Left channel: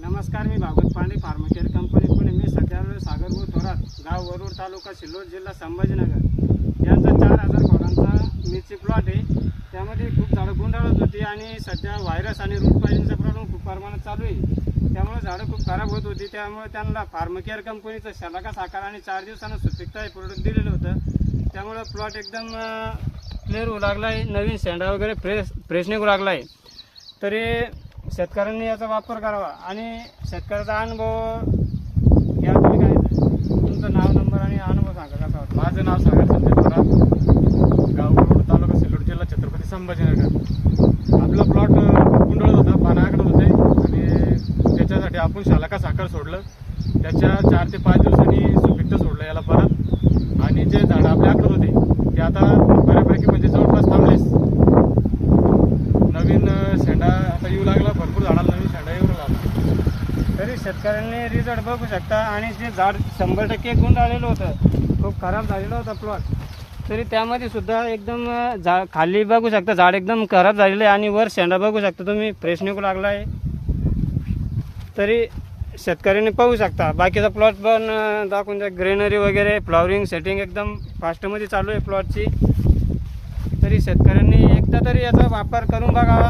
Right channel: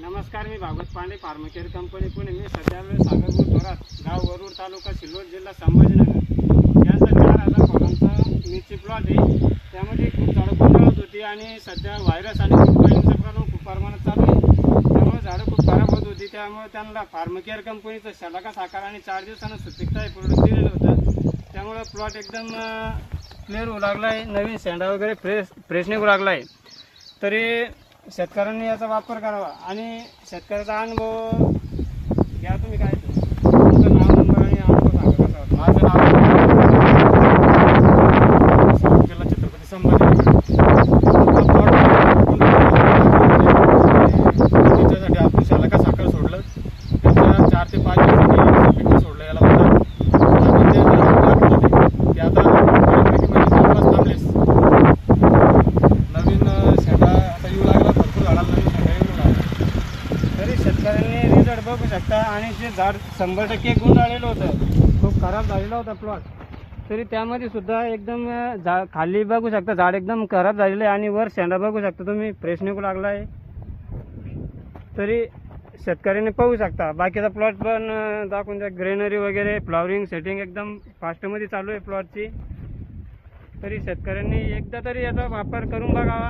नमस्कार मी भागवत पांडे फार्मकेअर कंपनी पुणे. मी सध्या सागरपूर थोरात गाव वरूर तालुका सिल्लोड जिल्हा संभाजीनगर. यांचा चार हजार फळांचा मिरची प्लॉट आहे. त्यामध्ये खूप झाडं गुंडाळत होती आणि सध्या व्हायरस आणि वीजवाहिनीचा प्रमाण खूप प्रमाणात चालू आहे. त्यामुळे झाडं खूप खराब होत होती. त्यामुळे त्यांना फार्मकेअर कंपनीचं शलाका साकार आणि चार दिवसानं सुपिकता हे प्रोडक्ट दिलेलं होतं. त्यामुळे प्लॉट एकदम क्लिअर होऊ लागला आहे नवीन सेंडा वगैरे फ्रेश फ्रेश निघू लागला आहे तरी शेतकऱ्यांनी याचा वापर करावा. आणि शेतकऱ्याचा अनुभव या तुम्ही काय तुमचं नाव नंबर आणि अनुभव सांगा माझं नाव सिल्लोड जिल्हा छत्रपती संभाजी आपला प्लॉट त्याच्यासाठी आपण शालाका साखर लागला तरी शेतकऱ्यांनी रिझल्ट बघू शकता. आणि जे झाड शंभर टक्के गुंडाळलेलं होतं खूप खराब झालेला होता प्लॉट तरी त्यामध्ये सुद्धा एकदम झा खाली बघू शकता झाड एकदम खराब झालेलं आहे आणि वर शेंडा बघू शकता तुम्ही. फ्रेश निघू लागला आहे. तरी शेतकऱ्यांनी पाहू शकता. बाकीचा प्लॉट पण दाखवून द्या. ग्रेनरी वगैरे फ्लॉवरिंग सेटिंग एकदम फास्टमध्ये चालू आहे प्लॉटची तरी शेतकऱ्यांनी एकदा तरी याचा वापर करून बघा.